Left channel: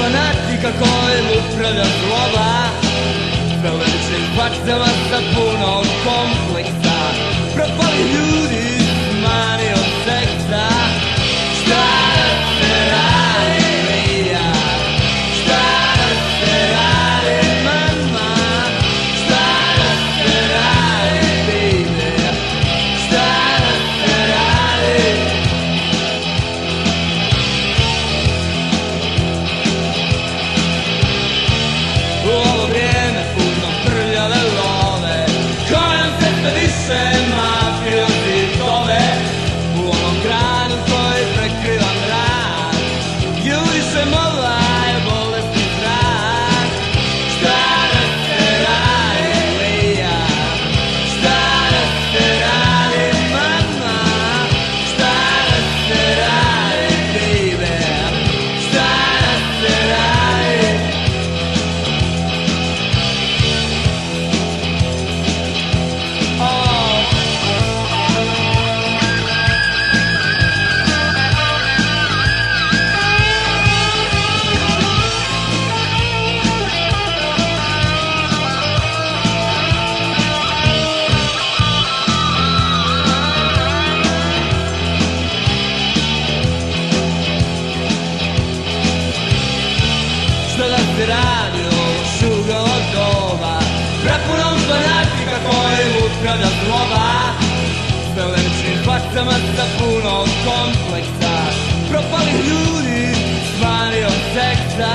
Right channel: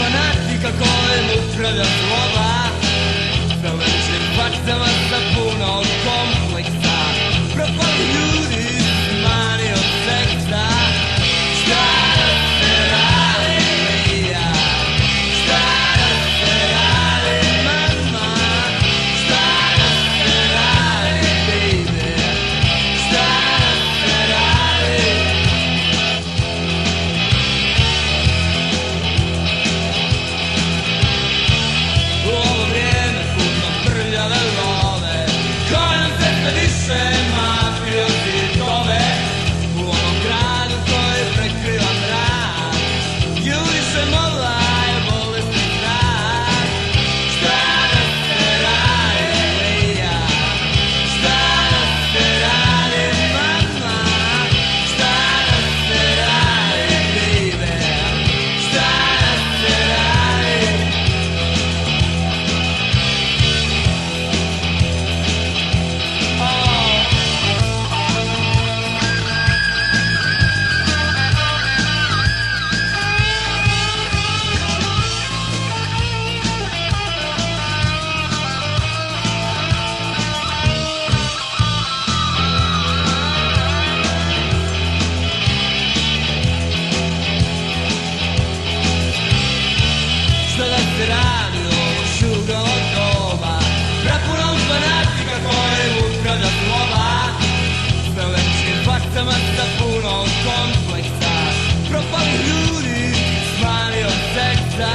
fanatika kojim upravlja zloba, belešnim faksama sa puno kompleksa, propali ljudi s manijom seksa. Šta da se radi, Mija? Šta da se radi, mama? Šta da se radi, baby? Šta da se radi? U ovo vrijeme puno prljave love, kojom se sve više mafiozi zove. U onom gradu koji prekriva mrak, ljudi se molaju bolesti zrak. Šta da se radi, Mija? Šta da se radi, mama? Šta da se radi, baby? Šta da se radi? Sada se radi o šugama doba, prepunom fanatika kojim upravlja zloba, s belešnim faksama sa puno kompleksa, propali ljudi s manijom seksa.